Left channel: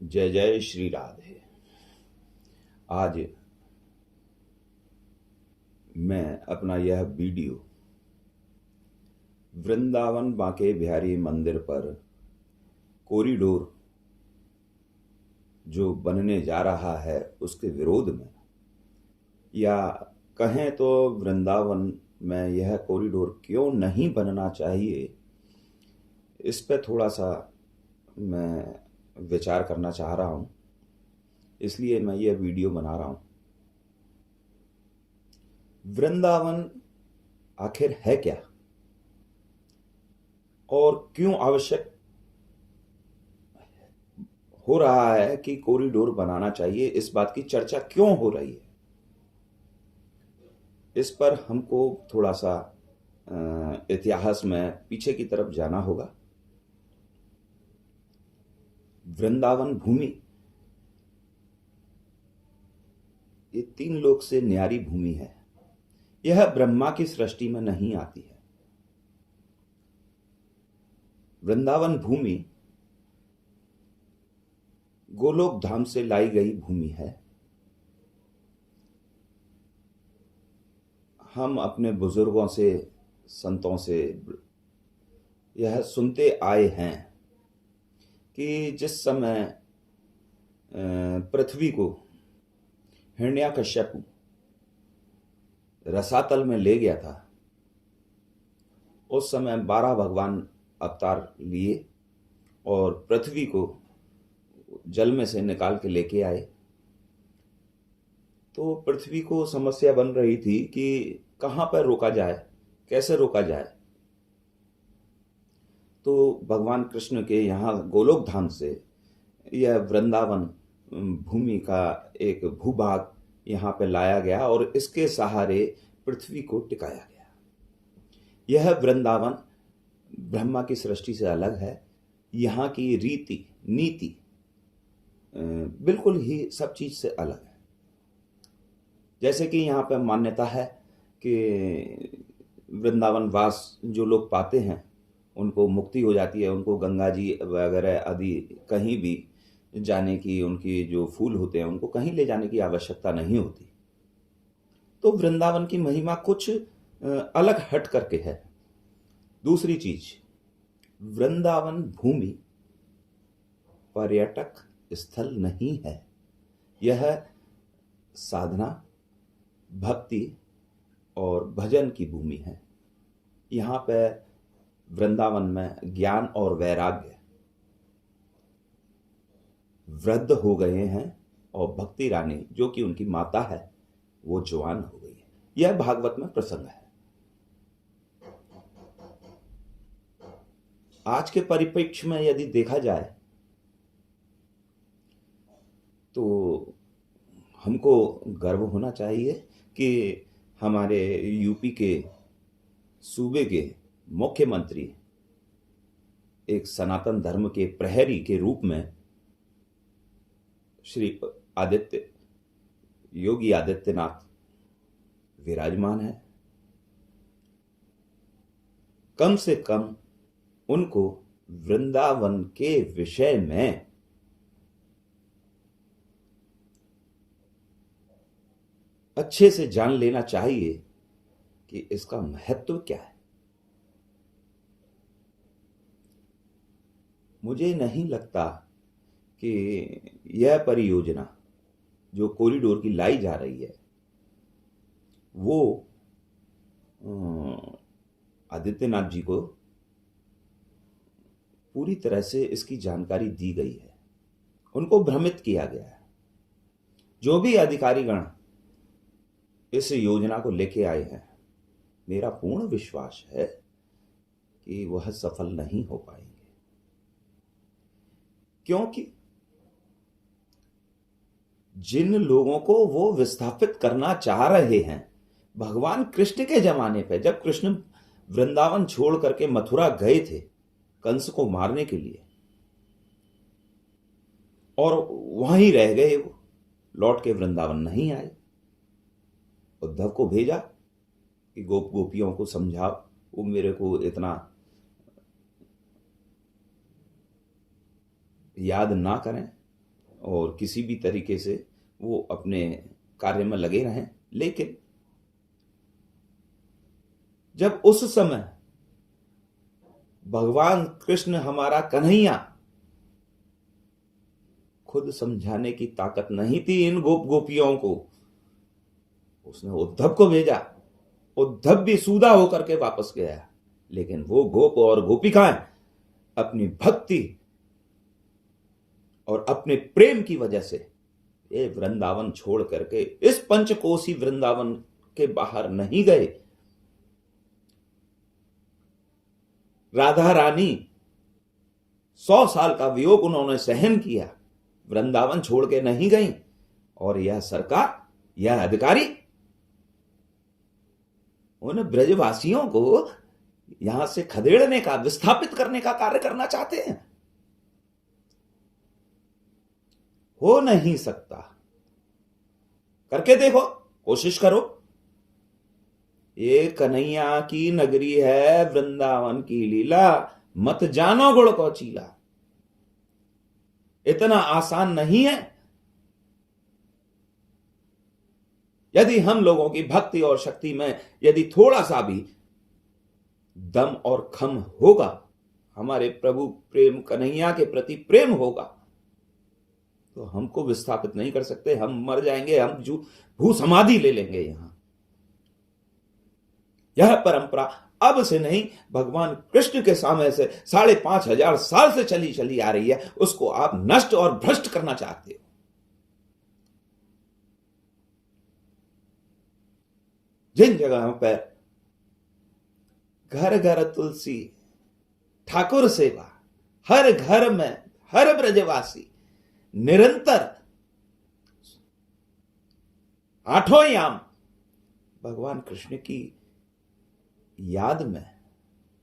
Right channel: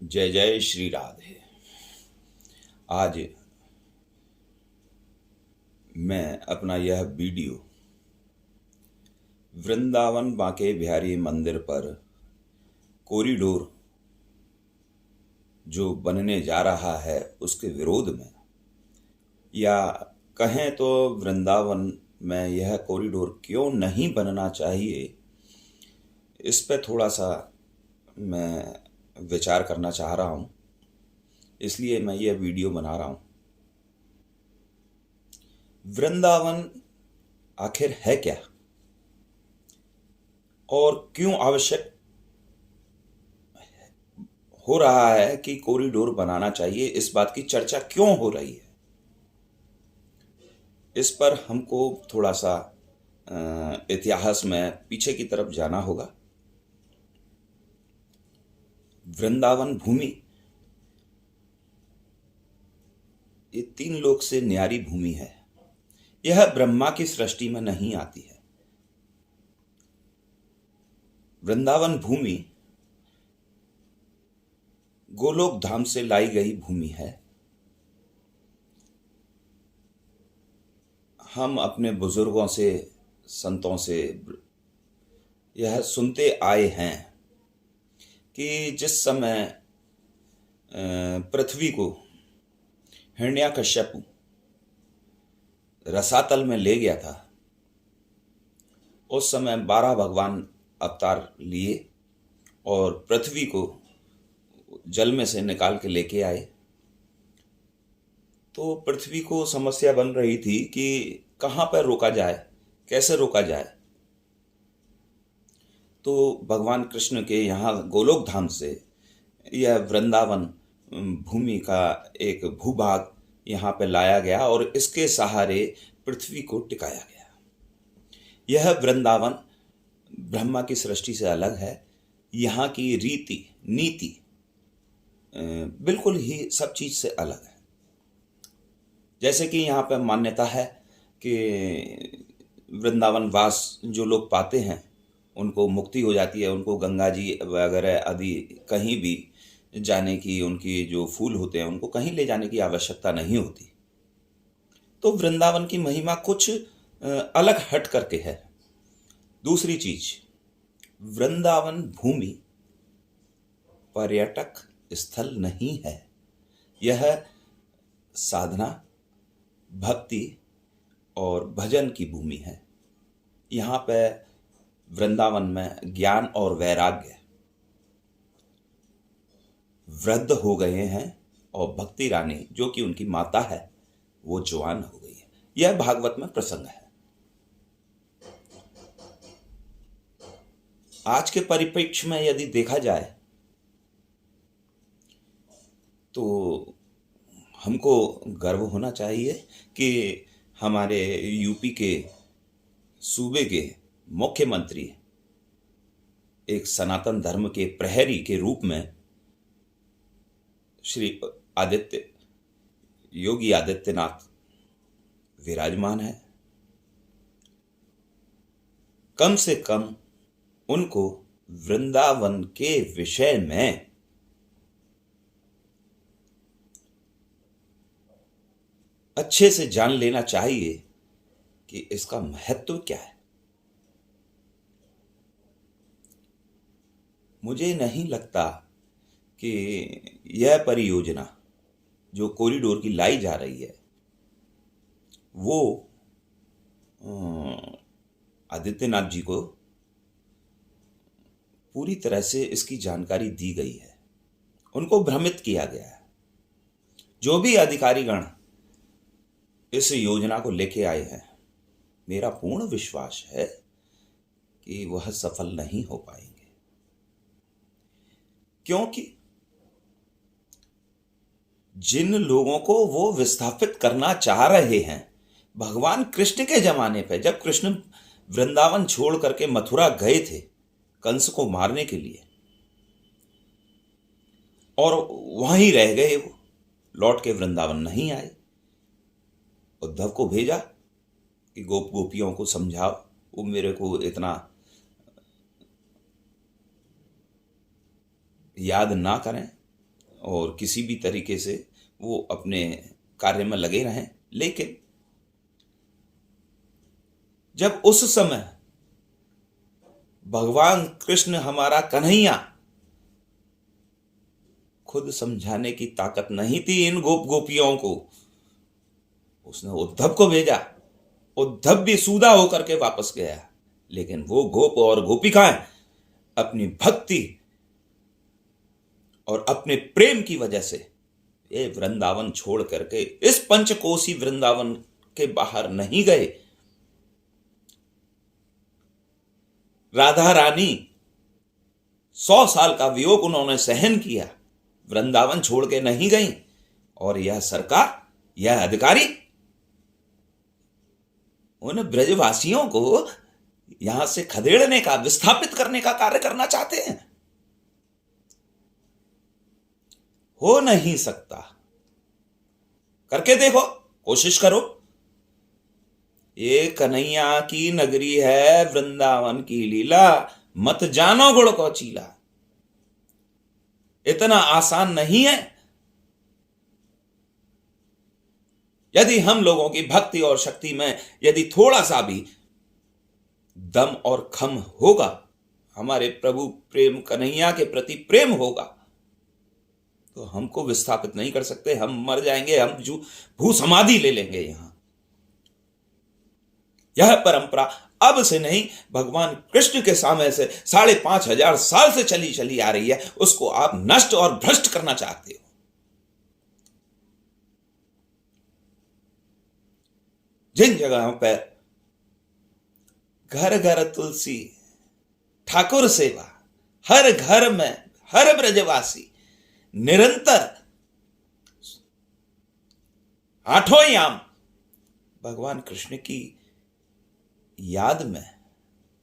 जय जय श्री राधे। आज मैं अपना यह वीडियो वृंदावन बांके बिहारी मंदिर पर कॉरिडोर जो बनने जा रहा है उसके विरोध में, या कहें तो वृंदावन में यह कॉरिडोर क्यों नहीं बनना चाहिए, इस पर थोड़ा सा मैं विचार करना चाह रहा हूँ। इसलिए मैं यह वीडियो बना रहा हूँ। वृंदावन आखिर है क्या और क्यों आवश्यक हो रहा है कि कॉरिडोर बनाना चाहिए, इस बात की चर्चा क्यों हो रही है, इस पर हमको थोड़ा सा इतिहास में पीछे की तरफ जाना होगा। वृंदावन भूमि ये तीन लोक से न्यारी भूमि है। यह ब्रह्मा की सृष्टि में नहीं आती है। वृंदावन भूमि गोलोक धाम से लाई गई भूमि है। हम अपने बुजुर्गों से, संतों से यह सुनते आए हैं कि जिस समय पृथ्वी को हिरण्यकश्यप रसातल में ले गया था, उस समय 12 भगवान अवतार लिए और पृथ्वी को जल में से निकाल के लेके आए। तो पृथ्वी को समस्या बन रही थी कि कहाँ पर रोका जाए, कैसे रोका जाए। तो भगवान कृष्ण के यहाँ गोलोक धाम से यह वृंदावन भूमि का एक भूभाग यहाँ पे लाया गया और इसके सहारे पृथ्वी को टिकाया गया। यह वृंदावन ब्रह्मा की सृष्टि से अलग है। यहाँ की रीति नीति बिल्कुल ही सब चीज से अलग है। जैसे कि यहाँ पे मान्यता है कि वृंदावन वास जो लोग पाते हैं उनको मुक्ति हो जाती है, उनको गंगा जी वगैरह आदि कहीं भी जाने की, उनकी जो फूल होते हैं उनको कहीं ले जाने की आवश्यकता नहीं होती। तो वृंदावन की महिमा कुछ अलग हट करके है। दूसरी चीज, वृंदावन भूमि पर्यटक स्थल नहीं है। यह साधना, भक्ति और भजन की भूमि है। यहाँ पे वृंदावन में ज्ञान और वैराग्य वृद्ध हो गए हैं और भक्ति रानी जो कि उनकी माता है वो जवान हो गई है। यह भागवत में प्रसंग है। आज के परिप्रेक्ष्य में यदि देखा जाए तो हमको गर्व होना चाहिए कि हमारे यूपी के सूबे के मुख्यमंत्री एक सनातन धर्म के प्रहरी के रूप में श्री योगी आदित्यनाथ विराजमान है। कम से कम उनको वृंदावन के विषय में अच्छे से जान लेना चाहिए कि इसका महत्व क्या है। मुझे नहीं लगता कि यह परियोजना जो कॉरिडोर की लाई जा रही है वो आदित्यनाथ जी को पूरी तरह से इसकी जानकारी दी गई है। उनको भ्रमित किया गया है। जो भी अधिकारीगण इस योजना को लेके आए हैं, मेरा पूर्ण विश्वास है कि वह सफल नहीं हो पाएंगे, क्योंकि जिन लोगों को वो विस्थापित करना चाह रहे हैं, भगवान कृष्ण के जमाने पे जब कृष्ण वृंदावन छोड़ करके मथुरा गए थे कंस को मारने के लिए और वहीं रह गए, वो लौट के वृंदावन नहीं आए। उद्धव को भेजा कि गोपियों को समझाओ, वो मेरे को इतना याद ना करें, और किसी भी तरीके से वो अपने कार्य में लगे रहें। लेकिन जब उस समय भगवान कृष्ण हमारा कन्हैया खुद समझाने की ताकत नहीं थी इन गोप गोपियों को, उसने उद्धव को भेजा। उद्धव भी सूदा होकर के वापस गया, लेकिन वो गोप और गोपिकाएं अपनी भक्ति और अपने प्रेम की वजह से ये वृंदावन छोड़ करके इस पंचकोसी वृंदावन के बाहर नहीं गए। राधा रानी 100 साल का वियोग उन्होंने सहन किया, वृंदावन छोड़ के नहीं गई। और यह सरकार, यह अधिकारी उन ब्रजवासियों को यहां से खदेड़ने का, विस्थापित करने का कार्य करना चाहते हैं। हो नहीं सकता। करके देखो, कोशिश करो। ये कन्हैया की नगरी है, वृंदावन की लीला, मत जानो गुड़ को चीला। इतना आसान नहीं है। यदि हम लोगों की भक्ति और शक्ति में यदि थोड़ा सा भी दम और खम होगा, हमारे प्रभु प्रेम कन्हैया के प्रति प्रेम होगा, तो हमको विस्थापित नहीं कर सकते। हम मर जाएंगे, हम भू समाधि ले लेंगे। यह परंपरा अब से नहीं, भगवान कृष्ण के समय से 5,500 साल से चली चली आ रही है। उसको आप नष्ट और भ्रष्ट करना चाहते हो। जिन जगहों पर घर घर तुलसी, ठाकुर सेवा, हर घर में हर ब्रजवासी निरंतर 8 याम भगवान कृष्ण की याद में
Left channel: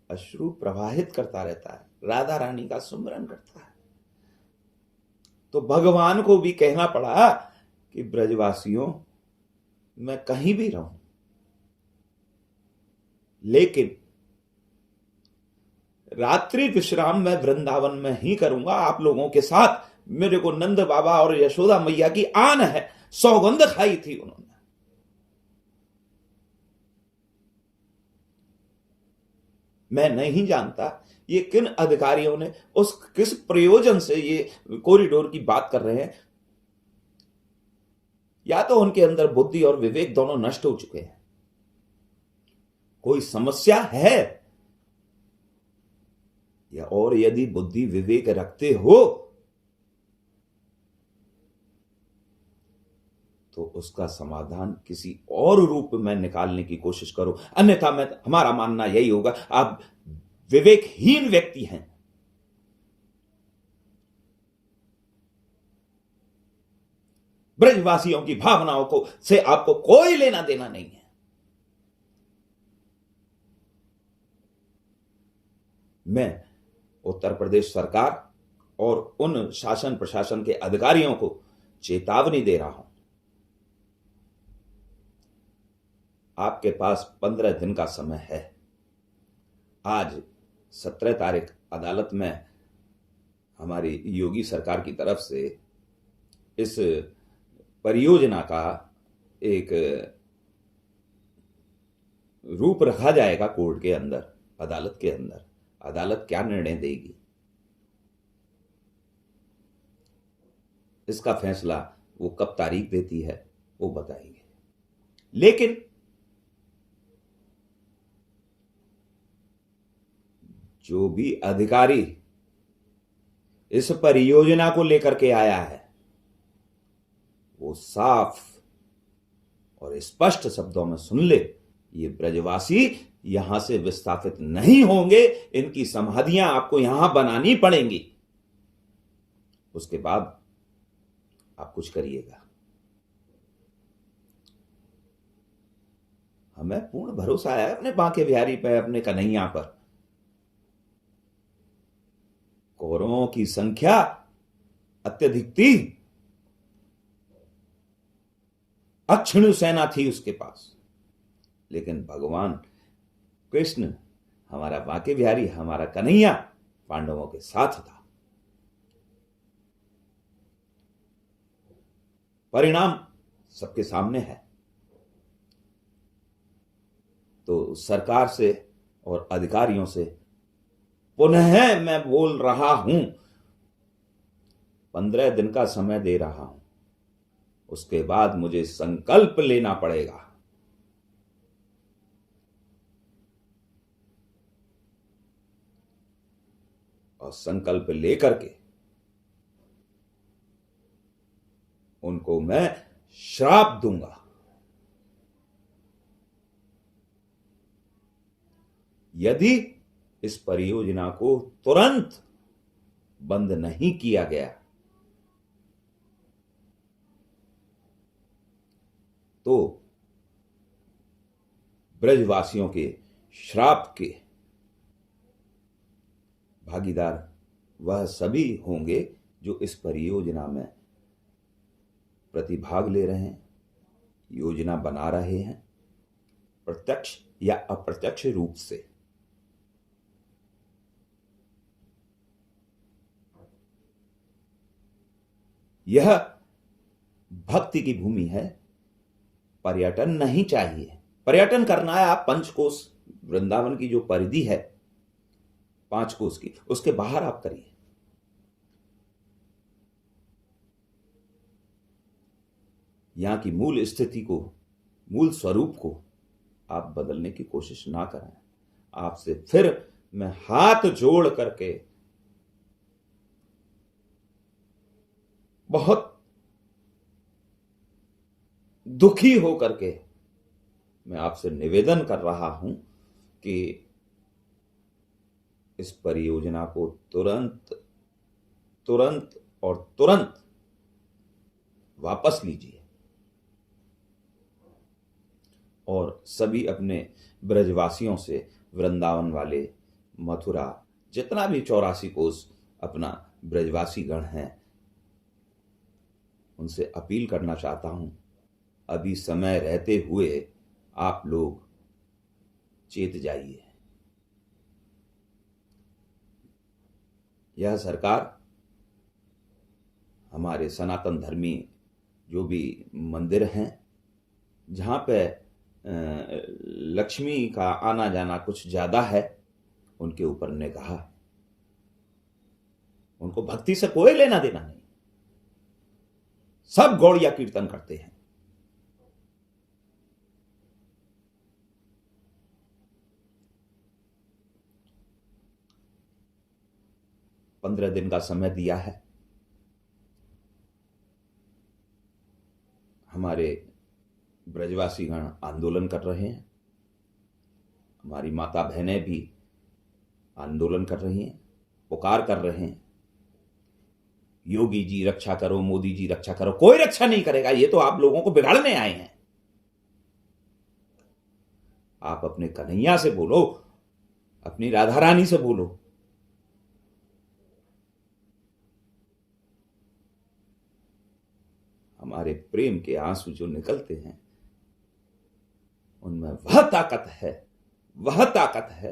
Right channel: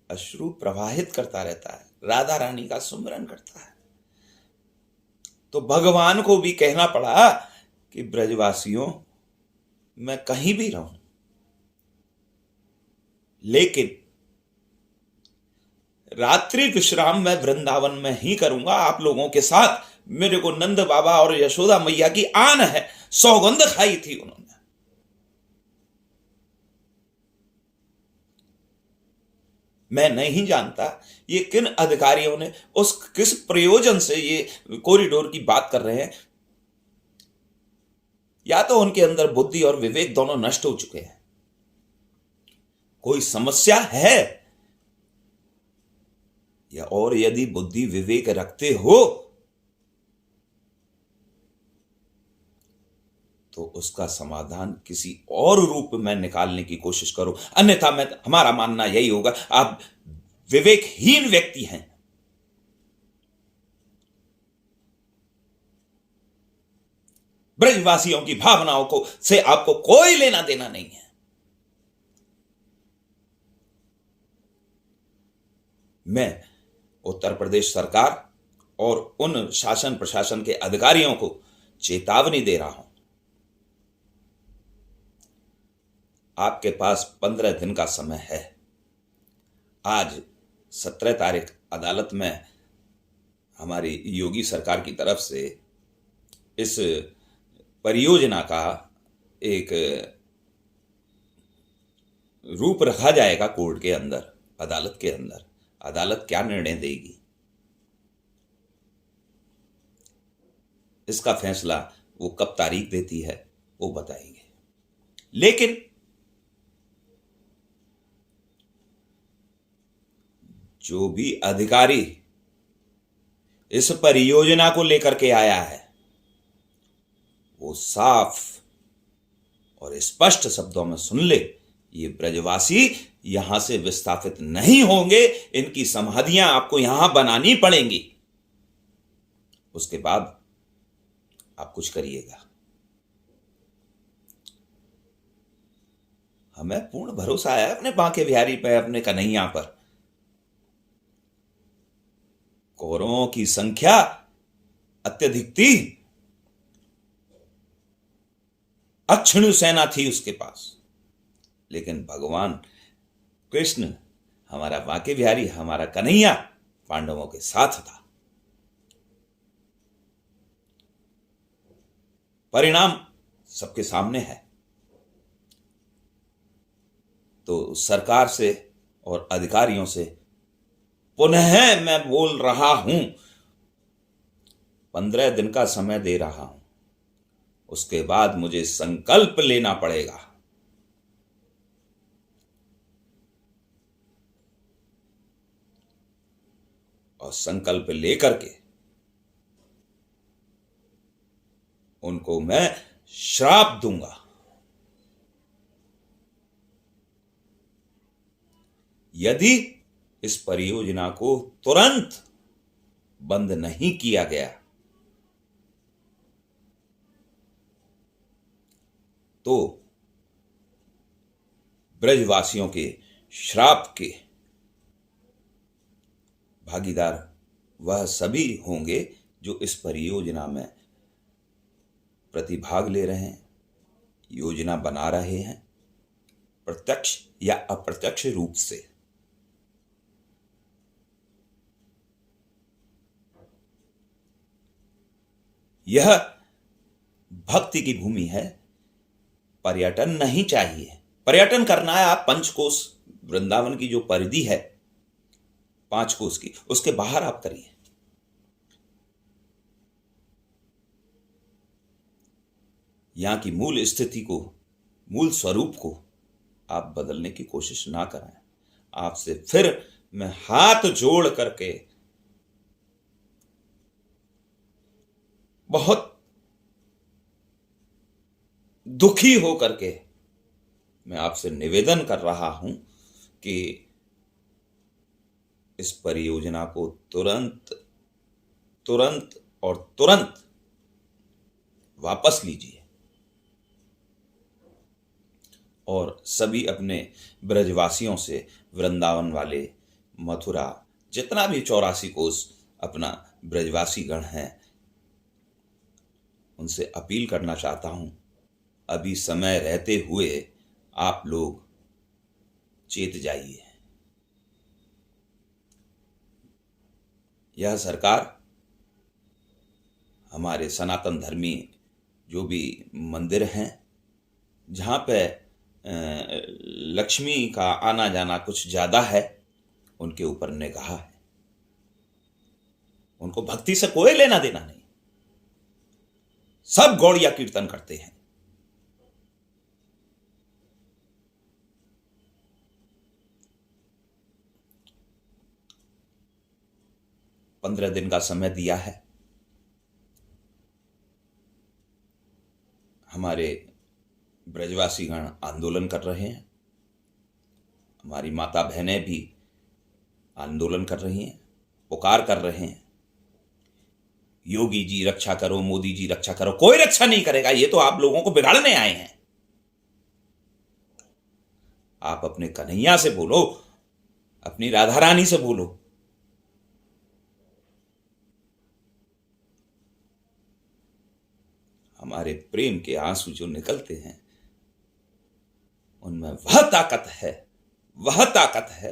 अश्रु प्रवाहित करता रहता है, राधा रानी का सुमिरन करता है, तो भगवान को भी कहना पड़ा कि ब्रजवासियों, मैं कहीं भी रहूं, लेकिन रात्रि विश्राम मैं वृंदावन में ही करूंगा आप लोगों के साथ। मेरे को नंद बाबा और यशोदा मैया की आन है, सौगंध खाई थी उन्होंने। मैं नहीं जानता ये किन अधिकारियों ने किस प्रयोजन से ये कॉरिडोर की बात कर रहे हैं। या तो उनके अंदर बुद्धि और विवेक दोनों नष्ट हो चुके हैं, कोई समस्या है, या और यदि बुद्धि विवेक रखते हो तो उसका समाधान किसी और रूप में निकालने की कोशिश करो। अन्यथा हमारा मानना यही होगा, आप विवेकहीन व्यक्ति हैं। ब्रजवासियों की भावनाओं को से आपको कोई लेना देना नहीं है। मैं उत्तर प्रदेश सरकार और उन शासन प्रशासन के अधिकारियों को चेतावनी दे रहा हूं, आपके पास 15 दिन का समय है। आज 17 तारीख अदालत में हमारी योगी सरकार की तरफ से इस परियोजना का एक रूप रखा जाएगा कोर्ट के अंदर, अदालत के अंदर। अदालत क्या निर्णय देगी, इसका फैसला वो कब तारीख देती है वो बताएंगे। लेकिन जो भी अधिकारी इस परियोजना को लेकर के आया है, वो साफ और स्पष्ट शब्दों में सुन ले, ये ब्रजवासी यहां से विस्थापित नहीं होंगे। इनकी समाधियां आपको यहां बनानी पड़ेंगी, उसके बाद आप कुछ करिएगा। हमें पूर्ण भरोसा है अपने बांके बिहारी पे, अपने कन्हैया पर। कौरवों की संख्या अत्यधिक थी, अक्षिणु सेना थी उसके पास, लेकिन भगवान कृष्ण, हमारा बांके बिहारी, हमारा कन्हैया पांडवों के साथ था। परिणाम सबके सामने है। तो सरकार से और अधिकारियों से पुनः मैं बोल रहा हूं, 15 दिन का समय दे रहा हूं, उसके बाद मुझे संकल्प लेना पड़ेगा। और संकल्प लेकर के उनको मैं श्राप दूंगा। यदि इस परियोजना को तुरंत बंद नहीं किया गया तो ब्रजवासियों के श्राप के भागीदार वह सभी होंगे जो इस परियोजना में प्रतिभाग ले रहे हैं, योजना बना रहे हैं, प्रत्यक्ष या अप्रत्यक्ष रूप से। यह भक्ति की भूमि है, पर्यटन नहीं चाहिए। पर्यटन करना है आप पंचकोश, वृंदावन की जो परिधि है 5 कोस की, उसके बाहर आप करिए। यहां की मूल स्थिति को, मूल स्वरूप को आप बदलने की कोशिश ना करें। आपसे फिर मैं हाथ जोड़ करके बहुत दुखी हो करके मैं आपसे निवेदन कर रहा हूं कि इस परियोजना को तुरंत तुरंत और तुरंत वापस लीजिए और सभी अपने ब्रजवासियों से, वृंदावन वाले, मथुरा, जितना भी 84 कोस अपना ब्रजवासी गण हैं, उनसे अपील करना चाहता हूं, अभी समय रहते हुए आप लोग चेत जाइए। यह सरकार हमारे सनातन धर्मी जो भी मंदिर हैं, जहाँ पे लक्ष्मी का आना जाना कुछ ज़्यादा है, उनके ऊपर निगाह है। उनको भक्ति से कोई लेना देना नहीं। सब गौड़िया कीर्तन करते हैं। पंद्रह दिन का समय दिया है। हमारे ब्रजवासी गण आंदोलन कर रहे हैं, हमारी माता बहनें भी आंदोलन कर रही हैं, पुकार कर रहे हैं, योगी जी रक्षा करो, मोदी जी रक्षा करो। कोई रक्षा नहीं करेगा, ये तो आप लोगों को बिगाड़ने आए हैं। आप अपने कन्हैया से बोलो, अपनी राधा रानी से बोलो। हमारे प्रेम के आंसू जो निकलते हैं, उनमें वह ताकत है, वह ताकत है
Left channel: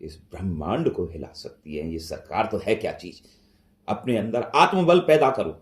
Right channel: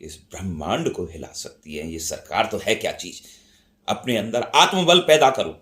कि इस ब्रह्मांड को हिला सकती है। ये सरकार तो है क्या चीज। अपने अंदर आत्मबल पैदा करो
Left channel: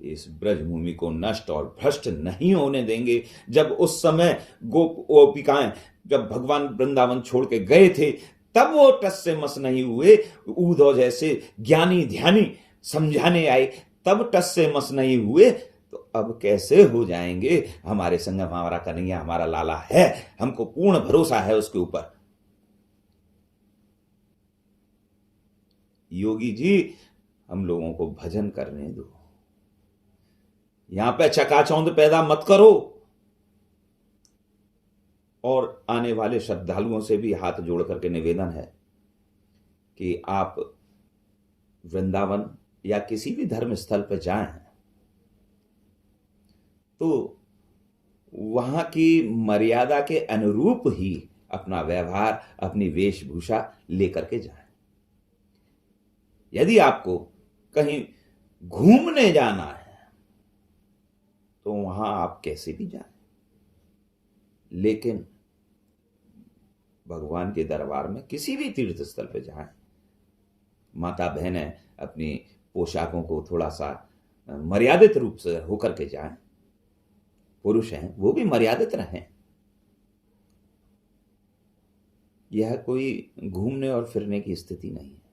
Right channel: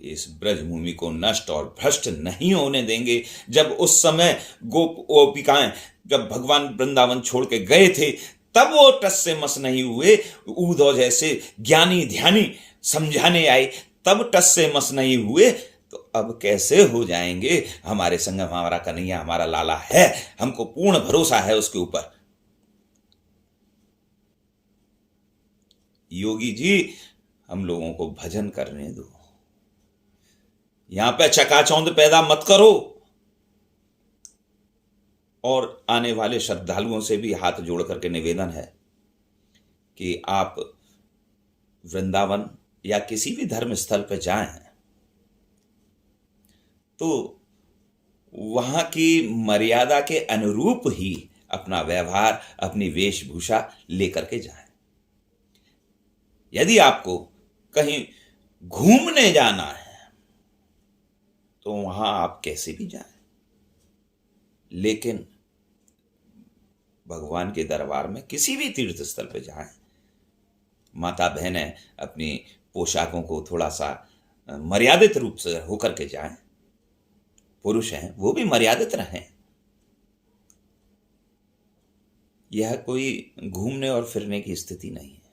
कि इस ब्रजभूमि को नष्ट और भ्रष्ट नहीं होने देंगे। जब उस समय गोपिकाएं जब भगवान वृंदावन छोड़ के गए थे, तब वो टस से मस नहीं हुए। उद्धव जैसे ज्ञानी ध्यानी समझाने आए, तब टस से मस नहीं हुए, तो अब कैसे हो जाएंगे। हमारे संग हमारा कन्हैया, हमारा लाला है, हमको पूर्ण भरोसा है उसके ऊपर। योगी जी, हम लोगों को भजन करने दो, यहां पे चकाचौंध पैदा मत करो। और आने वाले श्रद्धालुओं से भी हाथ जोड़ करके निवेदन है कि आप वृंदावन या किसी भी धर्म स्थल पर जाएं तो वहां की मर्यादा के अनुरूप ही अपना व्यवहार, अपनी वेशभूषा लेकर के जाएं। यदि आपको कहीं घूमने जाना है तो वहां आप कैसे भी जाएं, लेकिन भगवान के दरबार में किसी भी तीर्थ स्थल पे जाएं माता बहनें अपनी पोशाकों को थोड़ा सा मर्यादित रूप से होकर के जाएं। पुरुष हैं वो भी मर्यादित रहें। यह कोई घूमने और फिरने की स्थिति नहीं है।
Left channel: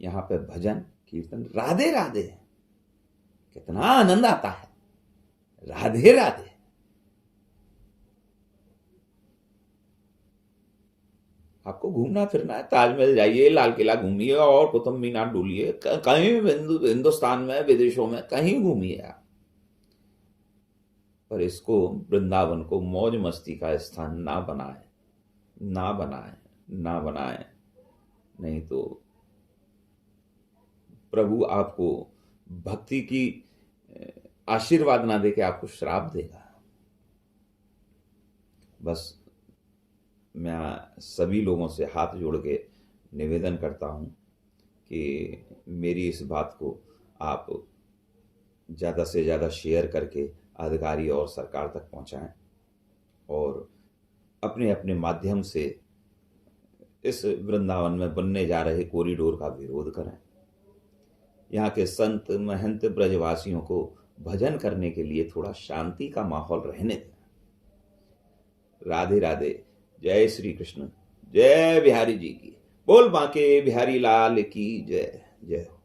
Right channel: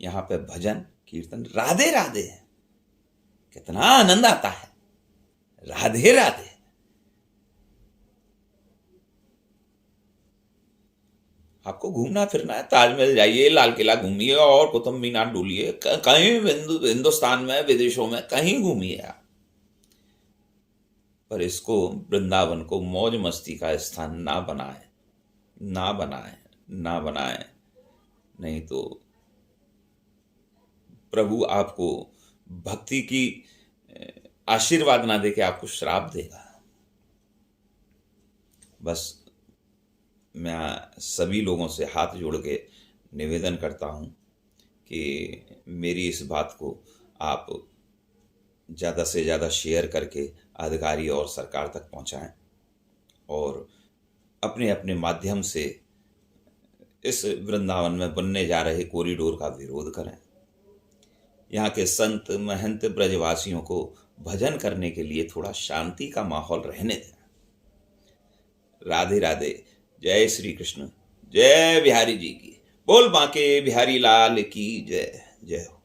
यहाँ पे भजन कीर्तन राधे राधे है। कितना आनंद आता है, राधे राधे। आपको घूमना फिरना है, ताजमहल जाइए, लाल किला घूमिए और कुतुब मीनार डूलिए, कहीं हिंदुस्तान में विदेशों में कहीं घूमिए आप, पर इसको वृंदावन को मौज मस्ती का स्थान ना बनाए, ना बनाए, ना बनाए। नहीं तो प्रभु आपको भक्ति की आशीर्वाद ना देके आपको श्राप देगा। बस मैं सभी लोगों से हाथ जोड़ के निवेदन करता हूँ कि मेरी इस बात को आप ज़्यादा से ज़्यादा शेयर करके अधिकारी और सरकार तक पहुँचाएं और अपने अपने माध्यम से इस वृंदावन में बनने जा रहे कॉरिडोर का विरोध करें। यहाँ के संत महंत ब्रजवासियों को भजन करने के लिए थोड़ा शांति का माहौल रहने दें। राधे राधे। जय श्री कृष्ण। जय बिहारी जी की। बोल बांके बिहारी लाल की जय। जय हो।